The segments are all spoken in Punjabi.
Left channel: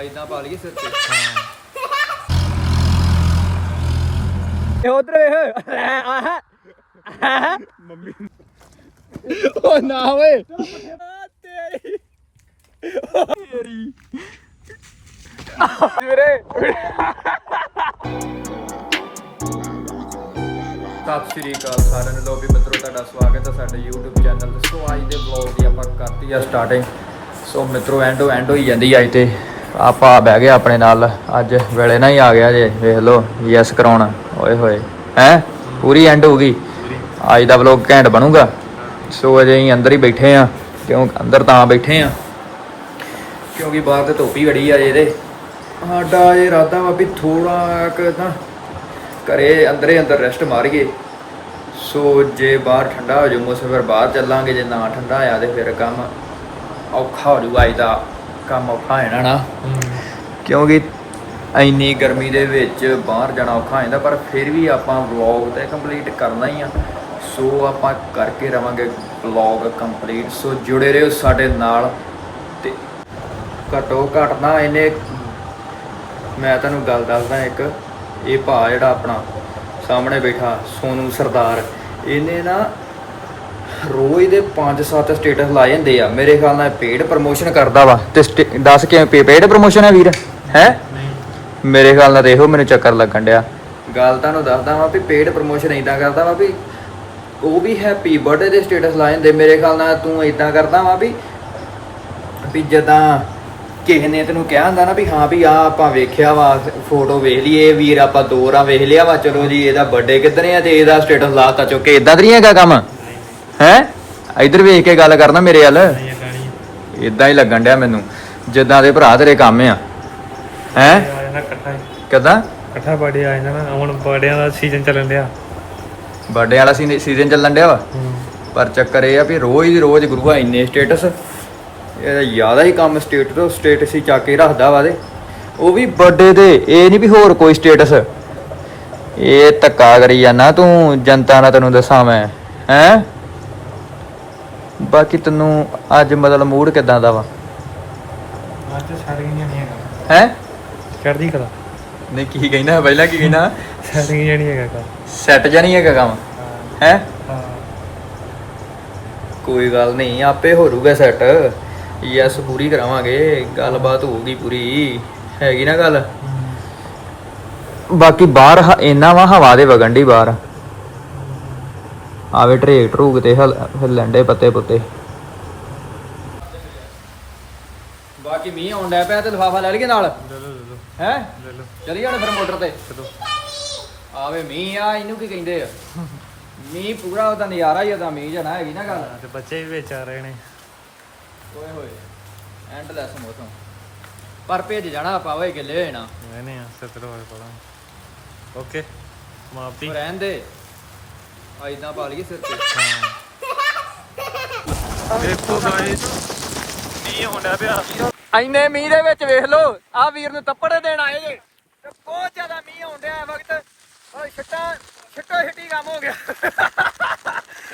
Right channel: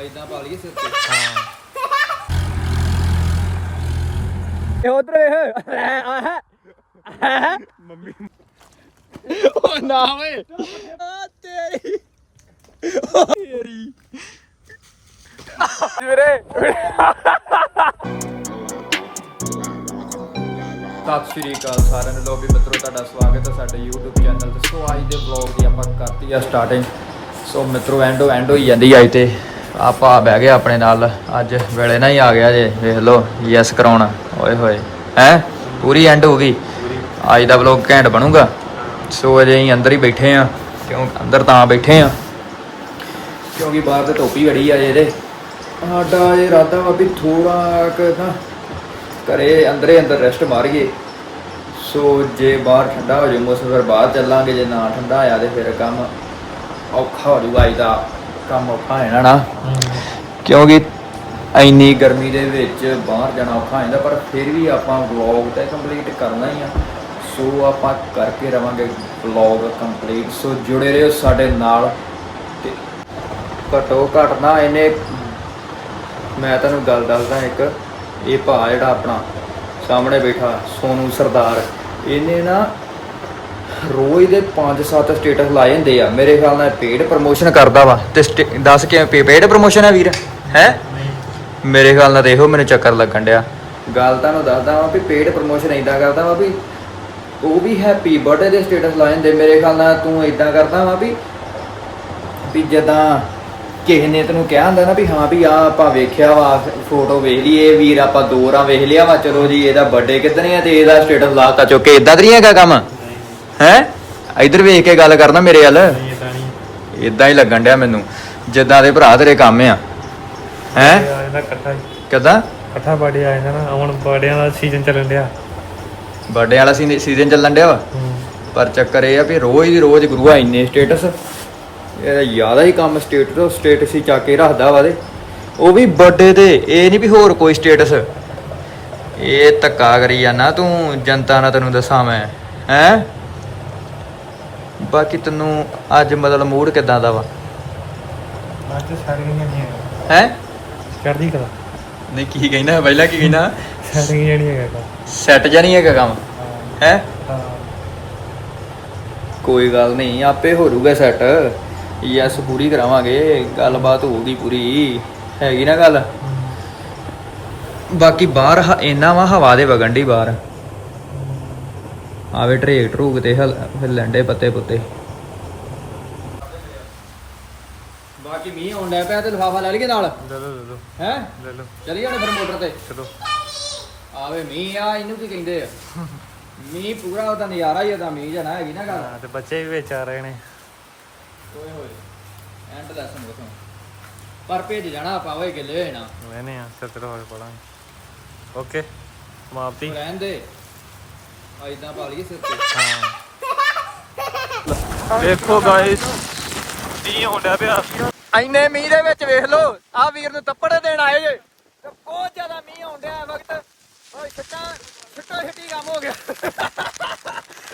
ਐਦਾਂ ਪਾ ਲਈਏ ਸਿਰ ਤੇ। ਹਾਂ ਇਹ ਉਧਰ ਵੇਖ। ਆਹ ਮੰਮੀ। ਉਹ ਨਾ ਓਏ। ਤੇਰੀ। ਤੇਰੀ ਵੀਰੇ। ਸਤਿ ਸ਼੍ਰੀ ਅਕਾਲ ਸਾਰਿਆਂ ਨੂੰ। ਲੋ ਵੀ ਮਿੱਤਰੋ ਤੁਹਾਡਾ ਸਵਾਗਤ ਹੈ ਸਾਡੇ YouTube ਚੈਨਲ ਤੇ। ਸੋ ਅੱਜ ਦੇ ਵਲੌਗ ਦੀ ਆਪਾਂ ਕਰਤੀ ਆ ਸਟਾਰਟਿੰਗ ਸੋ ਮਿੱਤਰੋ ਐਂਡੋ ਐਂਡ ਹੋਈ ਜਾਂਦੀ ਆ ਤੇ। ਆਪਾਂ ਬਹਿ ਗਏ ਆਪਣੇ ਨਾਲ, ਅੱਜ ਵੇਲੇ ਨਾਲ ਹੀ ਆ ਗਿਆ ਜੇ, ਵੇਖ ਲਓ, ਯੈਸ ਕਰਾਉਣ, ਓਏ ਹੋਏ। ਹੈ? ਪੂਰੀ ਐਂਡ ਹੋ ਗਈ। ਅੱਜ ਦਾ ਵਲੌਗ ਘੈਂਟ ਬਣੂਗਾ। ਸੋ ਅਜੇ ਅਸੀਂ ਅੰਦਰ ਹੀ ਬੈਠੇ ਆ, ਕਿਉਂ ਅੰਦਰ ਤਾਂ ਬੈਠੇ ਆ। ਕਿਉਂਕਿ ਬਾਹਰ ਤੇ ਧੁੱਪ ਹੀ ਬੜੀ ਆ ਇਹਦੇ। ਸਾਡਾ ਇਹ ਇਰਾਦਾ ਵਾ ਵੀ ਥੋੜਾ ਕੁ ਨਾ ਘਰੇ ਅੰਦਰੇ ਅੰਦਰ ਰੈਸਟ ਮਾਰੀਏ। ਸੋ ਜੇ ਬਾਹਰ ਠੰਡਾ ਹੋ ਜਾਊ, ਮੌਸਮ ਫਿਰ ਬਾਹਰ ਚੱਲਾਂਗੇ, ਜੇ ਨਾ ਠੰਡਾ ਆਇਆ ਤੇ ਫਿਰ ਕੰਮ ਔਖਾ ਹੋ ਜਾਊਗਾ ਇਹਦਾ ਕੰਮ ਔਖਾ ਹੈ ਨਾ। ਨਾ ਕਿਉਂਕਿ ਇੰਨੀ ਗਰਮੀ ਦੇ ਵਿੱਚ ਬਾਹਰ ਜਾਣਾ ਔਖਾ ਹੋ ਜਾਂਦਾ ਪਰ ਫਿਰ ਵੀ ਆਪਾਂ ਵਲੌਗ ਤਾਂ ਕੰਪਲੀਟ ਕਰਨਾ ਹੀ ਆ। ਸੋ ਆਪਾਂ ਕਰਕੇ ਰਵਾਂਗੇ ਵਲੌਗ ਕੰਪਲੀਟ ਸੋ ਜੁੜੇ ਰਹੋ ਸਾਡੇ ਨਾਲ ਤੇ ਘਟੋ ਘਟ ਨਾ ਇਹਨੇ ਮੈਂ ਤੁਹਾਨੂੰ ਗੱਲ ਦੱਸਦਾ ਇੱਕ ਇਹ ਭਾ ਜਿਹੜਾ ਆਪਣਾ ਸਾਹਮਣੇ ਬੈਠਾ ਸੋਨੂ ਸਰਦਾਰ ਇਹਨੇ ਨਾ ਰੋਜ਼ ਦੇ 5-7 ਸਟੇਟਸ ਲਾਏ ਹੁੰਦੇ ਆ। ਮੇਰੇ ਖਿਆਲ ਨਾਲ ਪੇਡ ਪ੍ਰਮੋਸ਼ਨ ਕਰਦਾ ਵਾ। ਤੇ ਦੱਸ ਕਿਵੇਂ ਪੇਡ ਪ੍ਰਮੋਸ਼ਨ ਹੈ ਵੀਰ? ਹੈ? ਮੇਰੇ ਖਿਆਲ ਨਾਲ ਦੇਖੋ ਮੈਨੂੰ ਚੱਕਰ ਲੱਗਣ ਡਿਆ। ਗੱਲ ਤੁਹਾਨੂੰ ਦੱਸਦਾ ਵਾਂ ਵੀ ਪੇਡ ਪ੍ਰਮੋਸ਼ਨ ਇਦਾਂ ਕਰਦਾ ਵਾ ਵੀ ਉਹ ਵੀ ਹੈਪੀ ਬਰਥਡੇ ਦੇ ਸਟੇਟਸ ਲਾਏ ਹੁੰਦੇ ਮੇਰੇ ਖਿਆਲ ਨਾਲ ਤੂੰ ਇਦਾਂ ਕਰਦਾ ਵਾ ਵੀ ਵੀ ਜਦਾਂ ਕਿਸੇ ਨੇ ਤੈਨੂੰ ਕਿਹਾ ਹੁੰਦਾ ਨਾ ਵੀ ਹਾਂ ਵੀ ਆ ਆਪਾਂ ਵੇਖਿਆ ਵਾ ਫੋਟੋ ਵੇਖ ਲਈਏ, ਵੀਰ ਆਪਾਂ ਦੋ ਰਾਂ ਵੇਖ ਲਿਆ ਵਾ, ਚਲੋ ਜੀ ਇਹਦਾ ਬਰਥਡੇ ਕਿੱਦਣ ਆ ਤੇ ਇਹਦਾ ਸਟੇਟਸ ਲਾਤਾ ਚੁੱਕੇ ਇਦਾਂ ਤਾਂ ਨਹੀਂ ਹੈਗਾ ਕੰਮ। ਹੈ? ਇਧਰ ਵੇਖ ਕੇ ਗੱਲ ਕਰਨਾ ਮੇਰੇ ਵੱਲ। ਨਹੀਂ ਇਦਾਂ ਨਹੀਂ ਇਦਾਂ ਹੀ ਲੱਗਣ ਡਿਆ ਮੈਨੂੰ ਜਿੱਦਾਂ ਦੇ ਭਰਾ ਤੇਰੇ ਕੰਮ ਆ। ਹੈ? ਕਦਾਂ? ਇਕੱਠਾ ਬਰਥਡੇ ਆ ਜਾਂਦਾ ਨਾ ਹੁਣ ਬਰਥਡੇਆਂ ਦਾ ਸੀਜ਼ਨ ਚੱਲਣ ਡਿਆ। ਬਰਥਡੇ ਵਾਲਾ ਸੀਜ਼ਨ ਚੱਲਣ ਡਿਆ ਵਾ? ਪਰ ਚੱਕਰ ਇਹ ਆ ਵੀ ਰੋਜ਼ ਦੀ ਰੋਜ਼ ਗੁਰੂਆ ਇੰਨੇ ਸਟੇਟਸ ਇਹਦਾ ਜ਼ਿਆਦਾ ਹੀ ਕੰਮ ਸਟੇਟਸ ਸਟੇਟਸ ਹੀ ਚੱਕ ਕੇ ਰੱਖਦਾ ਵਾ ਦੇ ਉਹ ਵੀ ਬਰਥਡੇ ਤੇ ਇਹ ਨਹੀਂ ਵੀ ਹੋਰ ਕੋਈ ਸਟੇਟਸ ਇਹ ਧੱਕਾ ਕਰੀ ਜਾਂਦਾ ਤੂੰ ਜਨਤਾ ਨਾਲ ਤੈਨੂੰ ਦੱਸਾਂ ਮੈਂ। ਹੈ? ਬਾਕੀ ਤੈਨੂੰ ਅੱਜ ਮਤਲਬ ਮੂਡ ਕਿਦਾਂ ਦਾ ਵਾ? ਅੱਜ ਸਾਰੀਆਂ ਨਹੀਂ ਹੈਗਾ ਹੈ? ਕਰਦੀ ਕਦਾ ਨਹੀਂ ਕੀ ਕਹਿੰਦਾ ਪਹਿਲਾਂ ਕੀ ਕਹਿੰਦਾ ਸਾਰੀਆਂ ਨਹੀਂ ਹੈਗਾ ਕਾ ਸੈੱਟ ਜਾਂ ਨਹੀਂ ਹੈਗਾ ਕੰਮ? ਹੈ। ਹਾਂ? ਕੋਈ ਗੱਲ ਨਹੀਂ ਆਪੇ ਹੋ ਜਾਊਗਾ ਸੈੱਟ ਯੈਸ ਪੂਰੀ ਕਰਾਵਾਂਗੇ। ਗੱਲਬਾਤ ਹੋਊਗੀ ਪੂਰੀ। ਹੈਗੀ ਨਾ ਗੱਲ? ਬਾਕੀ ਬਾਹਰ ਹ- ਇੰਨਾ ਵਾ ਹਵਾ ਦੇ ਵਗਣ ਦੀ ਬਾਹਰ। ਆਵੇ ਟਰੇਕ ਟਰੂਕ ਤੇ ਹਲ ਹਿੱਲਣ ਡੇ ਪੱਤੇ ਪੁੱਤੇ। ਬਾਕੀ ਮੀਂਹ ਆਉਣ ਡਿਆ ਪਿਆ ਤੇ ਲਫਾਫਾ ਲੈ ਲਈਏ ਨਾਲ? ਲੈ ਲਓ ਲੈ ਲਓ। ਹੈ? ਲੈ ਲਓ। ਚਲੀ ਜਾਣਾ ਫਿਰ ਮੋਟਰ ਤੇ? ਚਲੋ। ਆਵੇ ਮੀਂਹ ਆ ਇਹਨੂੰ ਕੀ ਕਹਿੰਦੇ ਆ? ਮੀਂਹ ਪੂਰਾ ਉਹਦਾ ਨਜ਼ਾਰਾ ਹੀ ਉਹਦਾ ਮੀਂਹ ਜਣਾ ਹੈਗੀ ਨਾ ਗੱਲ। ਤੇ ਬੱਚੇ ਵੀ ਵਿੱਚ ਆ ਰਹੇ ਨੇ। ਓਏ ਹੋਏ ਐਂਡਲੈਸ ਮੌਸਮ ਪਰ ਭੇਜ ਜਾਣਾ ਆਪਾਂ ਓਏ ਗਿੱਲੇ ਹੋਏ ਨਾ। ਵੇਨੇ ਆ ਚਲੋ ਹੋਏ ਪੜਾਂਗੇ। ਓਕੇ ਸਮਾਪਤੀ ਰਹਿਣ ਦੇ। ਆ ਇਦਾਂ ਪਾ ਲਈਏ ਸਿਰ ਤੇ। ਹਾਂ ਦੇਖੋ ਗਾਇਸ ਐਨੇ ਮੀਂਹ ਦੇ ਵਿੱਚ ਵੇਖ ਲਓ ਆ ਵੀਰ ਨੂੰ ਤੱਪੜੇ ਦੇਣ ਆਏ ਜੇ। ਤੇ ਬਹੁਤ ਜ਼ਿਆਦਾ ਮੀਂਹ ਆਉਣ ਡਿਆ ਵਕਤ। ਓਏ, ਛੱਟਾ ਛੱਟੋ ਛੱਟੀ ਕੰਮ ਹੋ ਗਿਆ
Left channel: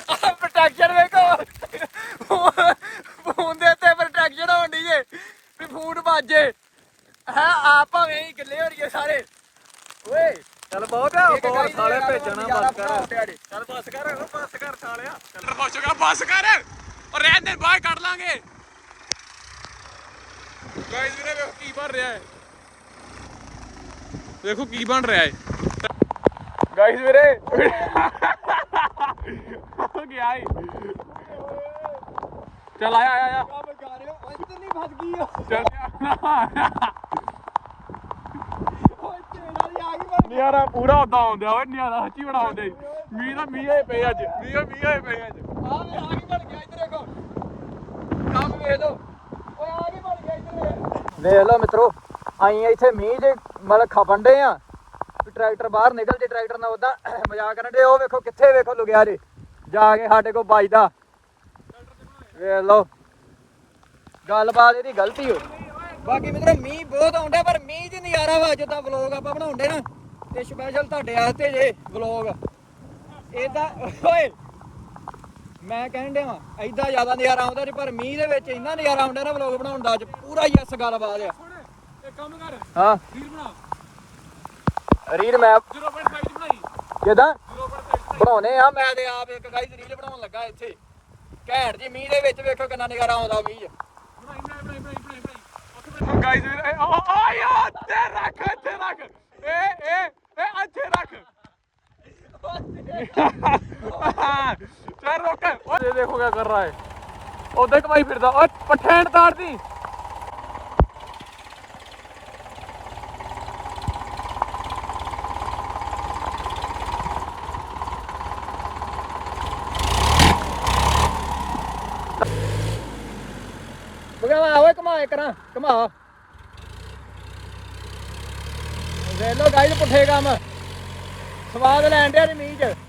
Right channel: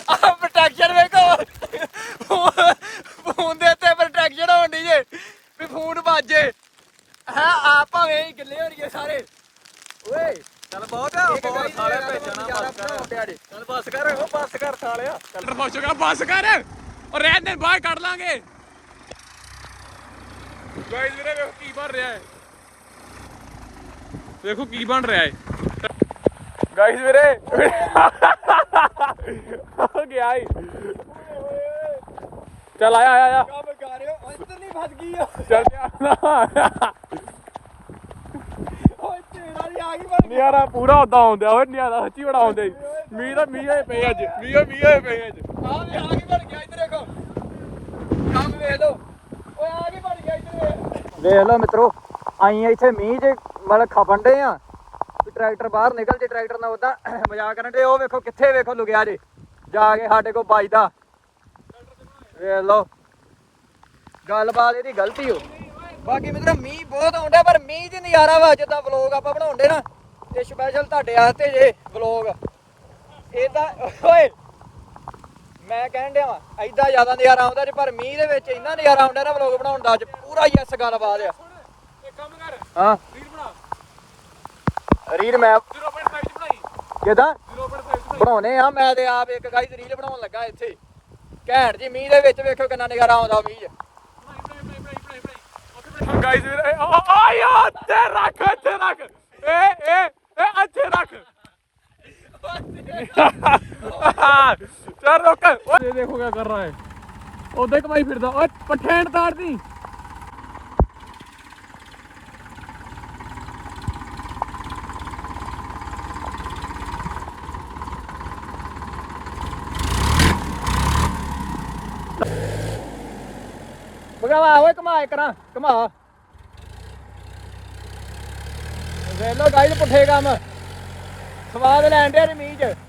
ਆ ਪ੍ਰੋਟੈਕਸ਼ਨ ਵੇਖੋ ਫੋਨ ਦੇ ਉੱਤੇ ਪ੍ਰੋਟੈਕਸ਼ਨ ਹੋਣ ਦੀ ਜੇ ਵੀ ਫੋਨ ਵੱਜੇ ਹੈ ਆ ਭਾਵੇਂ ਹੀ ਗਿੱਲੇ ਹੋ ਰਹੀਏ ਸਾਰੇ ਓਏ ਚੱਲ ਬਹੁਤ ਇੱਕ ਗਾਈ ਦੇ ਨਾਲ ਮਰ ਨਜ਼ਾਰਾ ਪੂਰਾ ਹੋ ਪਿਆ ਜੇ ਚੱਲ ਬੱਸ ਕਰ ਉਹ ਬੱਸ ਕਰ ਸਾਲਿਆ ਚੱਲ ਰਫੋਸ਼ਗਾ ਬੱਸ ਕਰ ਉਹ ਰਹਿਣ ਦੇ ਬਾਹਰ ਕੱਢ ਲਾਂਗੇ। ਗਾਇਸ ਵੀਰੇ ਵੇਖੋ ਕੀ ਬਣ ਰਿਹਾ ਹੈ। ਦੇਖੋ ਕੀ ਬਣ ਰਿਹਾ ਹੈ। ਗਾਈਸ ਵੀਰੇ। ਹੋ ਗਿਆ ਈ। ਚੱਲ ਆਇਆ ਆਇਆ ਆਇਆ। ਇੱਧਰ ਨਹੀਂ ਫਸ ਗਈ ਚੱਲ ਪਿਆ ਓਏ ਤੇਰਾ ਵੀ ਆ ਗਈ ਬਣ ਨਿਆਰਾ ਪੂਰਾ ਉਦਾਂ ਆਉਂਦਾ ਓਏ ਨਿਆਰਾ ਸੱਚੀ ਬੜਾ ਆਉਂਦਾ। ਮੀਂਹ ਦਾ ਮੀਂਹ ਹੋਏ ਪਏ ਅੱਜ ਮੀਂਹ ਮੀਂਹ ਹੋਏ ਪਏ ਅੱਜ। ਆ ਵੇ ਆ ਗਈ ਬਣ ਗਿਆ ਇੱਧਰ ਦੇਖੋ ਕੰਮ ਵੇਖ ਲਓ। ਓਏ ਆ ਗਈ ਬਣ ਗਿਆ ਇੱਧਰ। ਵੇਖ ਲਓ ਮਿੱਤਰੋ, ਆਈ ਇੱਥੇ ਮੀਂਹ 'ਚ ਮਤਲਬ ਖਪਣ ਡੇ ਆ। ਟਰੈਕਟਰ ਬਾਹਰ ਨਿਕਲ ਜੇ, ਟਰੈਕਟਰ ਨਾਲ ਉਹਦਾ ਮਜ਼ਾਕ ਕਰਨ ਡੇ ਉਹ ਵੇਖੋ ਕਿੱਥੇ ਵੇਖੋ ਲੁਕਿਆ ਜੇ। ਜਾ ਕੇ ਸਾਡੇ ਕੋਲ ਵੱਜਦਾ। ਵੇਖ ਲਓ। ਗੱਲਬਾਤ ਇਹਦੀ ਗਲਤੀ ਹੋ ਬਾਕੀ ਮਿੱਤਰੋ, ਮੀਂਹ ਬਹੁਤ ਆਉਂਦਾ ਪਰ ਮੀਂਹ 'ਚ ਨਜ਼ਾਰਾ ਵਾ ਜਿੱਦਾਂ ਵਲੋਗ ਆਪਾਂ ਬਣਾਉਂਦੇ ਨਾ। ਤੇ ਸਪੈਸ਼ਲ ਤੁਹਾਡੇ ਵਾਸਤੇ ਜੇ ਵਲੋਗ ਇਹਦਾ ਓਏ! ਮੈਂ ਕਹਿਣ ਡਿਆ ਵਾਂ ਐਡਾ ਜ਼ਿਆਦਾ ਨਜ਼ਾਰਾ ਆਉਂਦਾ ਜੇ ਪਰ ਮੀਂਹ ਦੇ ਵਿੱਚ ਇੰਨਾ ਨਜ਼ਾਰਾ ਆਉਂਦਾ ਨਾ ਵਲੋਗ ਬਣਾਉਣ ਦਾ ਅੱਜ ਪੂਰਾ ਯੈਸ ਗੱਲਬਾਤ ਆ। ਇੱਕ ਕੰਮ ਕਰ ਹਾਂ। ਰੀਲ ਬਣਾ। ਰੀਡ ਮੈਂ 0.5 ਬਣਾਈ। ਕਿਦਾਂ? 0.5 ਬਣਾਈ। ਬਣਾਉਣੇ ਆ ਮੈਂ ਤੇ ਆਪ ਇੱਕ ਗਾਈਸ ਰੀਲ ਬਣਾਉਣ ਲੱਗਾ ਇੱਥੇ। ਘੈਂਟ ਜੀ ਮੀਂਹ ਦੇ ਵਿੱਚ ਵੇਖੋ ਕਿੰਨਾ ਨਜ਼ਾਰਾ ਆਉਂਦਾ ਮੀਂਹ 'ਚ। ਬਣਾਈ ਬਣਾਈ ਬਣਾਈ ਬਣਾਈ ਗਾਇਸ ਆ ਯਾਰ ਤੇ ਰੱਖ ਇੱਥੇ ਰੱਖ। ਏ ਏ ਏ ਇੱਥੇ ਰੱਖ। चार रोक ये देखो क्या कर रहा है। उधर कमाई फिरता और तो, तार दी। ਕਮਾ ਕਰਾਂ गाइड ਵੇਲੋ ਗਾਈਡ ਪੁੱਠੇ ਕੰਮ ਸਵਾਦ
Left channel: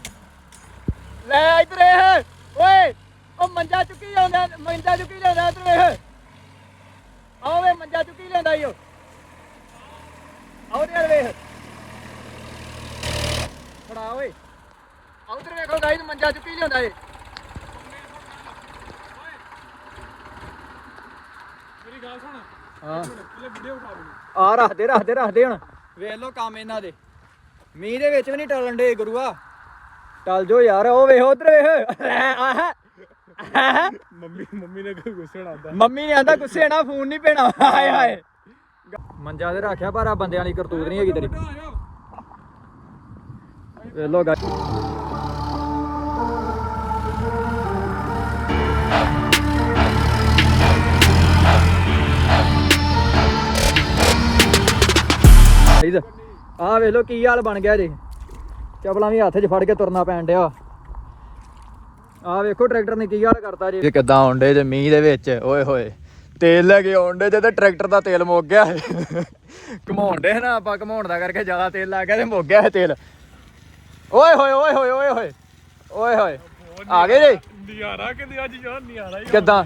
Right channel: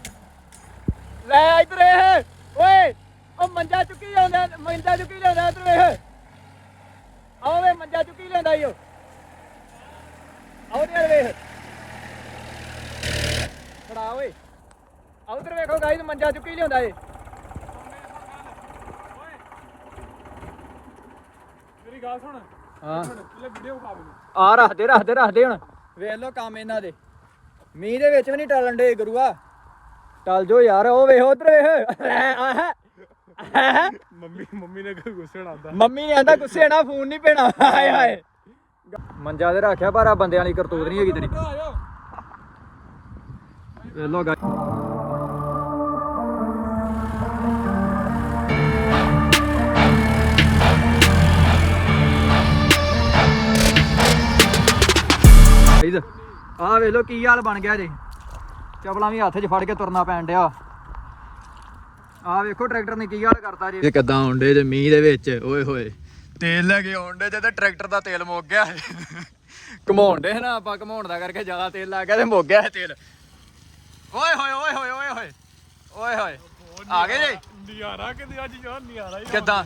ਲੈ ਇੱਧਰ ਇਹ। ਓਏ ਉਹ ਮੰਜਾ ਚੁੱਕੀ ਜਾਂਦਾ ਮੰਜਾ ਚੁੱਕੀ ਲਿਆਉਂਦਾ ਇੱਧਰ ਵੇਖ ਆਓ ਵੇ ਮੰਜਾ ਚੁੱਕੀ ਲਿਆਉਂਦਾ ਈ ਓ ਆਓ ਤੇ ਵੇਖ। ਫੜਾ ਓਏ। ਆਓ ਇੱਧਰ ਵੇਖੋ ਗਾਈਸ ਮੰਜਾ ਚੁੱਕੀ ਲਿਆਉਂਦਾ ਏ। ਮੇਰੀ ਗੱਲ ਸੁਣ। ਹਾਂ। ਲੈ ਵੀਡੀਓ ਉਠਾ ਮੈਨੂੰ। ਆ ਰੱਖਦੇ ਰੱਖਦੇ ਰੱਖਦੇ ਹੁਣ। ਵੇਖ ਲੋ ਕੰਮ ਇਹਨਾਂ ਦੇ। ਮੀਂਹ ਦੇ ਵਿੱਚ ਵੀ ਨਹੀਂ ਟਲਣ ਦੇ ਗੁਰੂਆ। ਟਲ ਜੋ ਯਾਰ ਉਹ ਵੇਖ ਉਧਰ ਵੇਖ। ਆਹ ਮੰਮੀ ਮੰਮੀ ਨੇ ਕੋਈ ਗੁੱਸੇ ਆਉਂਦਾ ਮੰਮੀ ਨੇ ਆਂਦਾ ਗੁੱਸੇ ਨਾ ਫੋਨ ਨਹੀਂ ਪੈਣਾ। ਹਾਏ ਹਾਏ। ਮੰਜਾ ਤੇ ਰੱਖਿਆ ਪਰ ਆ ਬੰਦਿਆਂ ਵਾਲੀ ਕਰਤੂਤ ਨਹੀਂ ਹੈਗੀ ਤੇਰੀ। ਵੇਖ ਲੋ ਆ ਵੇਖ ਲੋ ਕੀ ਹਾਲ ਬਣ ਗਿਆ ਜੀ। ਚਪਲਾਂ ਵੀ ਹੱਥ 'ਚ ਫੜ ਕੇ ਤੁਰਨਾ ਪੈਣ ਡਿਆ। ਆ ਵੇਖੋ ਟਰੈਕਟਰ ਨੇ ਕੀ ਹਾਲ ਕਰਤਾ ਜੀ। ਇਹ ਕਿੱਦਾਂ ਆਉਂਦੇ ਜੇ ਮੀਂਹ ਦੇ ਵਿੱਚ? ਓਏ ਹੋਏ ਤੇਲ ਲੈ ਕੇ ਆਉਂਦੇ ਜੇ ਤੇ ਟਰੈਕਟਰ ਦਾ ਤੇਲ ਮੁੱਕ ਗਿਆ ਘਮਾਉਂਦੇ ਨਾ ਆਪਾਂ ਘਮਾਉਣ ਦਾ ਕਰਕੇ ਜ਼ਿਆਦਾ ਤੇਲ ਲੱਗ ਗਿਆ ਤੇ ਮੁੱਕ ਗਿਆ ਤੇਲ। ਓਏ ਹੋਏ ਓਏ ਹੋਏ ਓਏ ਹੋਏ ਓਏ ਹੋਏ। ਆ ਗਏ ਜੀ? ਨਿਆਰਾ ਕਿੰਦੀ ਅੱਜ ਯਾਰ ਨਿਆਰਾ ਹੀ ਕਿੱਦਾਂ?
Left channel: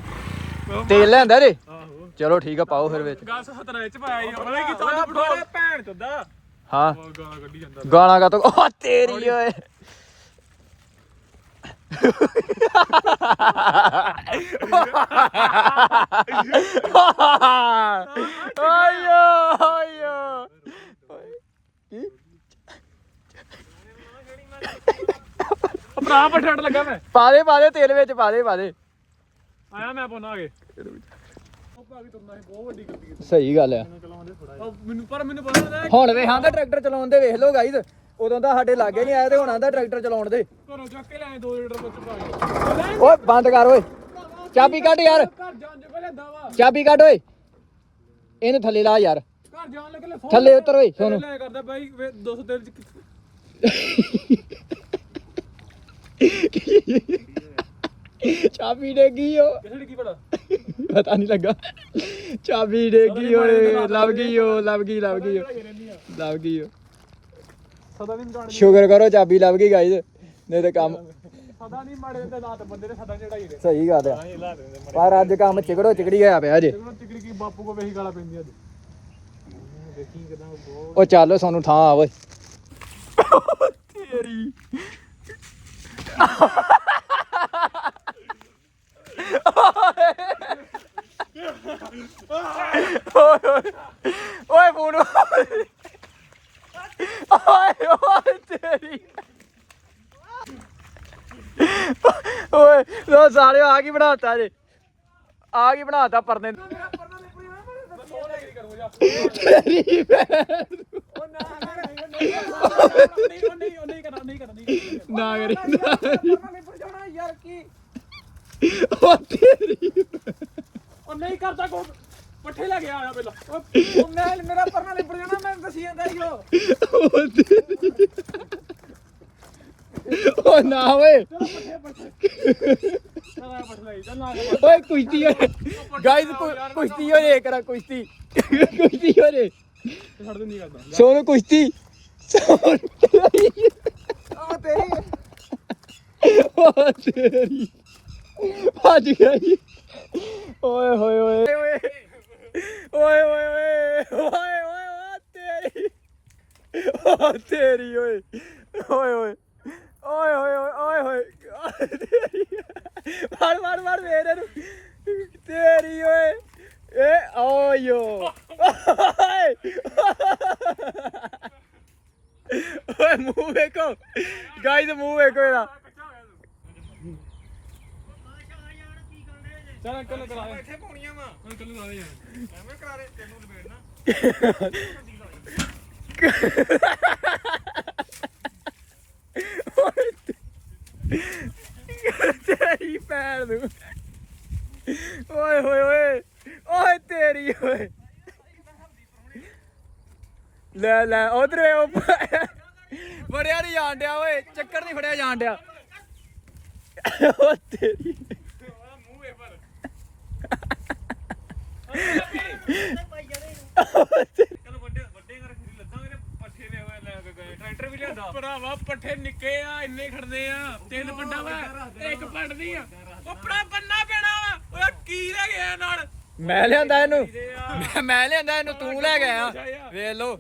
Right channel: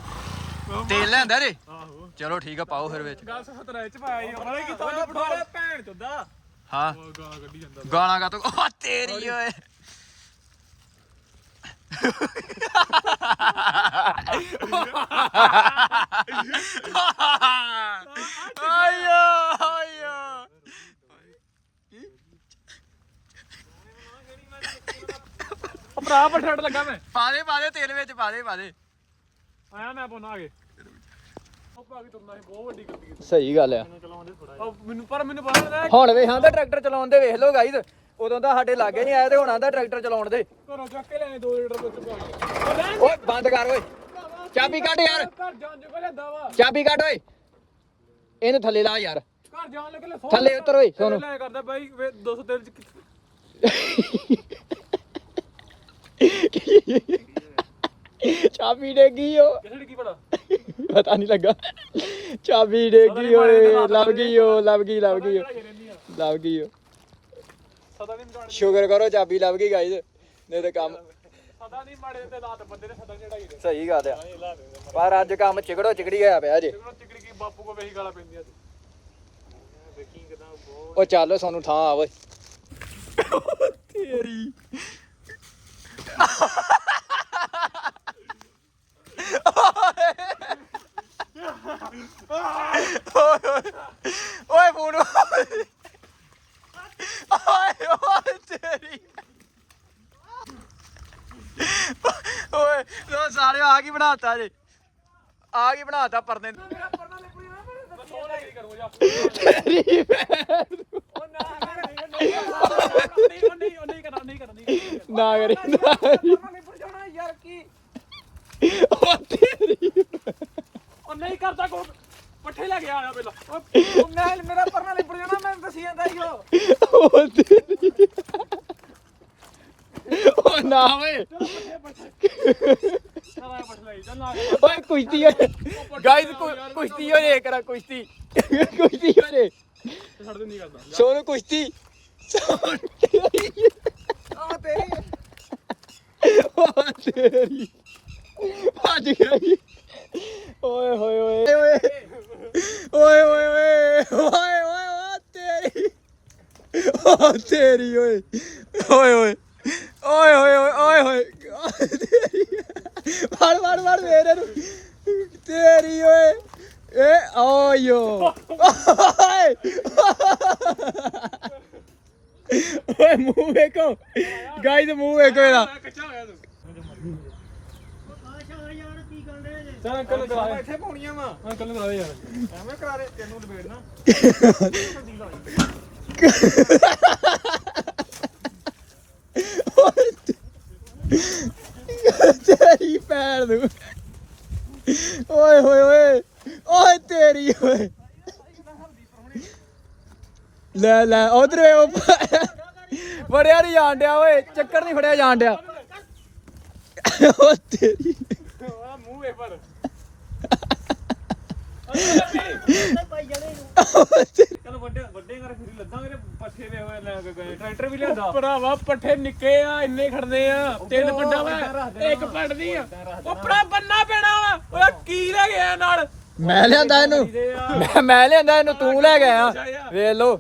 ਤੇਲ ਲੈਂਦਾ ਆਹੋ। ਚਲੋ ਠੀਕ ਆ ਪਾਓ ਫਿਰ ਵਿੱਚ। ਗਾਸ ਖਤਰਾ ਚ ਪਾਇਆ ਬੜੇ ਭੈਣ ਚੋਦਾ। ਹਾਂ ਗਾਲਾਂ ਕੱਢੀ ਜਾਂਦਾ ਗਾਲਾਂ ਕਾ ਤੋ ਓ ਤੇਰੀ ਓਏ ਆਯੋ ਆਯੋ ਭਰਾ ਪਠਾੜ ਲੱਗਾ ਮੈਂ ਪਾ ਦੇ ਪਾ ਦੇ ਤੇਲ ਵਿੱਚ ਪਾ ਦੇ ਪਾ ਦੇ ਆਇਆ ਮੈਂ ਪਾਉਣਾ ਆ ਕੇ ਉਹ ਭਾਗੀ ਤੁਰਨਾ ਸੀ ਬਹੁਤ ਵੱਡੀ ਗਲਤੀ ਕੀਤੀ ਸਹੀ ਗੱਲ ਆ ਚਲਾਉਂਦੇ ਥੋੜਾ ਮੈਨੂੰ ਪਰ ਮੈਨੂੰ ਪਤਾ ਨਾ ਹੁਣ ਵੇਖ ਆਂਦਾ ਟਰੈਕਟਰ ਚਲਾਉਣ ਦੇ ਵੇਖ ਲਓ ਗਾਈਜ਼ ਉਦੋਂ ਦਾ ਸਾਡੇ ਲਾਗੇ ਨਹੀਂ ਆਇਆ ਤੇ ਹੁਣ ਆਂਦਾ ਟਰੈਕਟਰ ਚਲਾਉਣ ਦੇ। ਘਰੋਂ ਚੱਕ ਕੇ ਲੈਣੇ 2 ਲੀਟਰ ਵਿੱਚ ਪਾ ਕੇ। ਓਏ ਬੰਦ ਕਰ ਓਏ। ਚਾਬੀ ਕੱਢ ਯਾਰ। ਘਰ ਜਾਣ ਵਾ ਚਾਬੀ ਕੱਢ ਓਏ। ਇਹਨੂੰ ਥੱਲੇ ਲਾ ਯਾਰ। ਘਰ ਜਾਣ ਲੱਗੇ ਲੈ ਸੌ ਥੱਲੇ ਉਤਰ ਓਏ ਸੋਨੂੰ। ਲੈ ਕਰਦਾ ਬਾਈ 200 ਤੇਲ ਚ ਚਾਬੀ ਡੇਗੀ ਓ। ਕਿਸੇ ਕੀ ਪੜਾ ਪਤਾ ਨਹੀਂ ਲੱਗਾ। ਚਾਬੀ ਡੇਗੀ ਓਏ ਲੱਭ ਗਈ ਓ ਲੱਭ ਗਈ ਲੱਭ ਗਈ। ਓ ਲੱਭ ਗਈ ਓ। ਸਦਾ ਨਹੀਂ ਜਾਣ ਸ਼ੁਕਰ ਕਰੋ ਚਾਬੀ ਲੱਭ ਗਈ ਗਾਈਜ਼ ਨਹੀਂ ਤੇ ਕੰਮ ਸਦਾ ਨਹੀਂ ਮਾੜੇ ਤੇ ਰਾਤ ਬੰਦੇ ਨੇ ਸਦਾ ਚੜਾਈ ਦੇ ਸਹੀ ਗੱਲ ਆ। ਪਰ ਅੱਜ ਕੰਮ ਚਿਕੜੋ ਚਿਕੜੀ ਹੋਇਆ ਪਿਆ ਜੇ ਉਹਨਾਂ ਚਿਕੜੀ ਕੀ ਬਾਪੂ ਕੋ ਵੇਹੀ ਗਾਲਾਂ ਪੈਂਦੀਆਂ ਅੱਜ। ਉਹ ਚੱਲ ਸਾਨੂੰ ਥਾਂ ਆ ਓਏ। ਤੇਰੀ। ਕੀ ਬਣਾਤਾ ਜੇ? ਆ ਕੀ ਬਣਾਤਾ ਪਰਨੇ ਤੇਰੀ ਨਾ ਕਰੀ ਉਹ ਨਹੀਂ ਕਰਦਾ ਕੋ ਪੱਠੇ ਲੈ ਕੇ ਆਇਆ ਪਹਿਲਾਂ। ਉਹ ਮੈਂ ਮੇਰਾ ਪਰਨਾ ਲਿਪੜ ਜਾਣਾ ਮੈਂ ਦੱਸੀ ਜਾਂਦਾ ਈਓ ਉਹ। ਉਹ ਨਾ ਓਏ। ओए कुश्ती है गाइस कुश्ती हो रे करा कुश्ती कुश्ती हो रे सोनो कुश्ती सोनो आ तेरी आ तेरी ਭੱਜ ਗਿਆ ਜੀ ਓਏ ਹੋਏ ਓਏ ਓਏ ਓਏ ਓਏ ਓਏ ਓਏ ਤੇਰੀ ਓ ਤੇਰੀ ਓਏ ਓਏ ਓਏ ਓਏ ਓਏ ਓਏ ਓਏ ਤੇਰੀ ਵੜ ਵੜ ਵੜ ਮੇਰੇ ਨੂੰ। ਤੇਰੀ ਓਏ ਏ ਓਯੋ ਓਏ। ਓਏ ਮੂੰਹ ਵੇਖੋ। ਗਾਇਜ਼ ਮੂੰਹ ਵੇਖੋ ਇਹਦਾ। ਕੱਚਾ ਹੋ ਗਿਆ ਤੂੰ ਚੱਲ ਅੰਕਲ ਕਰਾ ਦੇ। ਇੱਥੇ ਪਾਉਣੀਆਂ ਵਾ। ਅੰਕਲ ਕਰਾ ਦੇ ਯਾਰ। ਐਵੇਂ ਕਰਾ ਦੇ ਤੈਨੂੰ ਲਪੇੜਨਾ ਤੇਰੀ ਪੈਰ ਨੂੰ। ਓਏ ਹੋਏ ਓਏ। ਓਏ ਤੇਰੀ, ਓਏ। ਲੈ ਲੈ, ਉਧਰ ਉਹ ਫੜਿਆ ਨਹੀਂ ਜਾਣ ਡਿਆ, ਓਏ। ਚੱਕਰ ਨਹੀਂ ਫੜਿਆ ਜਾਣ ਡਿਆ। ਓ ਤੇਰੀ। ਮੂੰਹ ਵੇ ਪਰ ਚਲ ਵੱਡੇ ਵੱਡੇ ਕਰ ਫਿਰ ਲੱਦਾਂਗੇ ਤੇ ਪੱਠੇ ਵੇ ਹੋਏ ਲੈ ਕੇ ਗਏ ਟਰੈਕਟਰ ਵੀ ਲਿਆਂਦਾ ਭਰਾਵਾ ਪੱਠੇ ਨਿੱਕੇ ਆ ਇੰਨੇ ਖੜਦੇ ਆ। ਤਿੰਨ ਪੰਡਾ ਵਾ ਇੱਕ ਪੜਦੀ ਆ। ਉਪੜਾ ਬੰਨਾ ਪੈਣਾ ਵਾ। ਓਏ ਕੀ ਲੈ ਗਿਆ ਨਾਲ? ਮੈਂ ਲਿਆਂਦਾ ਇਹਨੂੰ। ਆ। ਮੈਂ ਮੈਂ ਲਿਆਂਦਾ ਇਹਨੂੰ ਤੂੰ ਲੈ ਗਿਆ। ਵੇਖ ਲੋ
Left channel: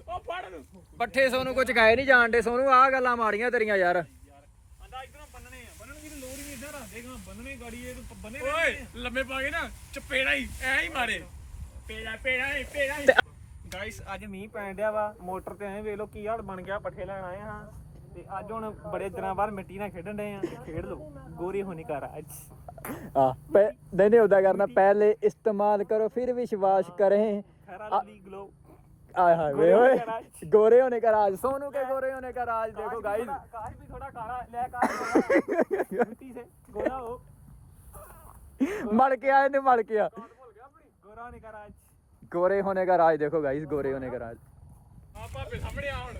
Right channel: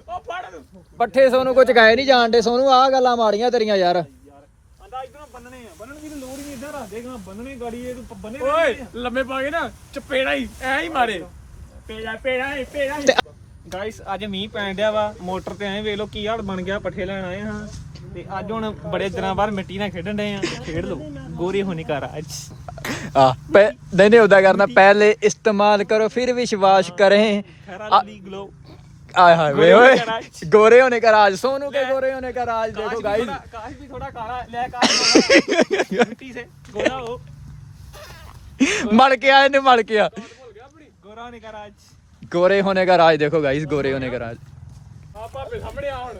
ਪੱਠੇ ਸੋਨੂੰ ਕੁਝ ਗਾਏ ਨਹੀਂ ਜਾਣਦੇ ਸੋਨੂੰ ਆਹ ਗੱਲਾਂ ਮਾੜੀਆਂ ਤੇਰੀਆਂ ਯਾਰ। ਆਂਦਾ ਇਧਰੋਂ ਬੰਨਣੇ ਆ। ਬੰਨਣ ਦੀ ਲੋੜ ਹੀ ਨਹੀਂ ਇਦਾਂ ਰੱਖ ਦੇਗਾ ਬੰਨਣੇ ਗਾੜੀ ਇਹ ਤੂੰ ਬੰਨੇ ਓਏ ਲੰਮੇ ਪਾ ਕੇ ਨਾ। ਚਪੇੜਾ ਹੀ ਐ ਹੀ ਮਾਰੇ। ਪੇੜਾ ਪੇੜਾ ਏ, ਪੇੜਾ ਗਾਇਸ ਅੱਜ ਮੀਂਹ ਪੈਣ ਡਿਆ ਵਾ ਮੋਟਰ ਤੇ ਐਂ ਵੇਖ ਲੋ ਕੀ ਹਾਲ ਬਣ ਗਿਆ ਪੱਠੇ ਲੈਣ ਆਏ ਹਾਂ। ਤੇ ਅੱਜ ਹੁਣ ਬੜੇ ਦਿਨਾਂ ਬਾਅਦ ਮਿੱਟੀ ਨਾਲ ਖੇਡਣ ਡਏ ਆ ਖੇਡ ਲੋ ਗੋਰੀ ਹੋਣੀ ਕਰ ਅੱਜ ਆ ਪਹਿ- ਨਹੀਂ ਨਹੀਂ ਉਦਾਂ ਕਰਨਾ ਪਹਿਲੇ ਇਸਤੇਮਾਲ ਕਰੋ ਫਿਰ ਵਿਸ਼ਵਾਸ ਕਰੇ। ਆਏ ਹਾਏ ਵੇ ਓਏ ਗੋਰੇ ਹੋਣੇ ਕਾ ਰਾਜ ਸੋਨੂ ਕੇ ਗੋਰੇ ਹੋਣੇ ਕਾ ਰਾਜ ਦੇਖੋ ਗਾਇਸ ਕਾਸ਼ ਵੀ ਥੋੜਾ ਕਾਲਾ ਲੈ ਕਾਸ਼ ਮਿੱਟੀ ਸੇ ਗੋਰਾ ਹੋ। ਮੜ ਕੇ ਆਏ ਨੇ ਮੜ ਕੇ ਆ। ਗੋਰਾ ਹੋਣੀ ਕਰ ਅੱਜ गोरे होने का राज देखो गाइस गोरे होने का राज ਆ ਭਾਪੇ ਸਾਹਮਣੇ ਆ ਹੁਣ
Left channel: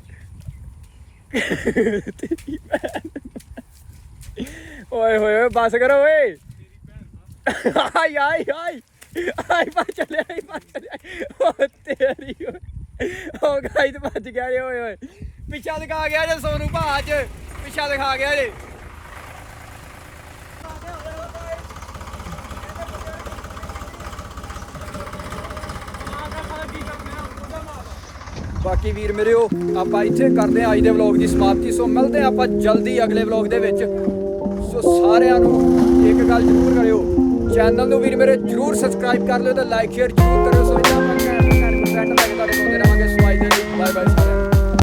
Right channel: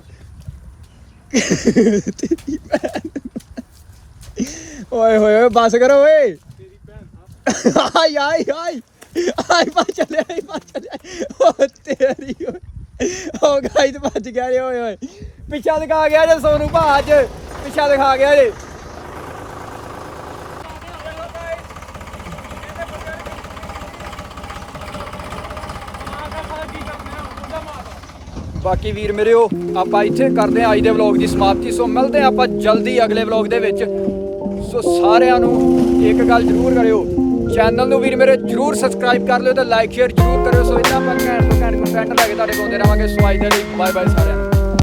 ओए होए ओए बस करो ओए ਤੇਰੀ ਭੈਣ ਆ आई आई आई आई बात चले आई बात चले ओ तेरी ओए ओ गाइस बच गया रे ओए ओए पीछा दिखा गया जे सोनू भा आज पीछा दिखा गया ਬਾਕੀ ਵੀਰ ਮੇਰਿਓ ਆਪਾਂ ਇੱਥੇ ਕਰਦੇ ਹਾਂ ਅੱਜ ਦੇ ਵਲੌਗ ਦੀ ਸਮਾਪਤੀ। ਸੋ ਮਿਲਦੇ ਹਾਂ ਆਪਾਂ ਜਲਦੀ ਅਗਲੇ ਵਲੌਗ ਦੇ ਵਿੱਚ। ਸੋ ਸਾਰਿਆਂ ਨੂੰ ਇੱਕ ਗੱਲ ਜ਼ਰੂਰ ਕਰਿਓ ਚੈਨਲ ਨੂੰ ਵੀਰ ਮੇਰੇ ਜ਼ਰੂਰ ਸਬਸਕ੍ਰਾਈਬ ਕਰ ਲਿਓ ਤੇ ਲਾਈਕ ਸ਼ੇਅਰ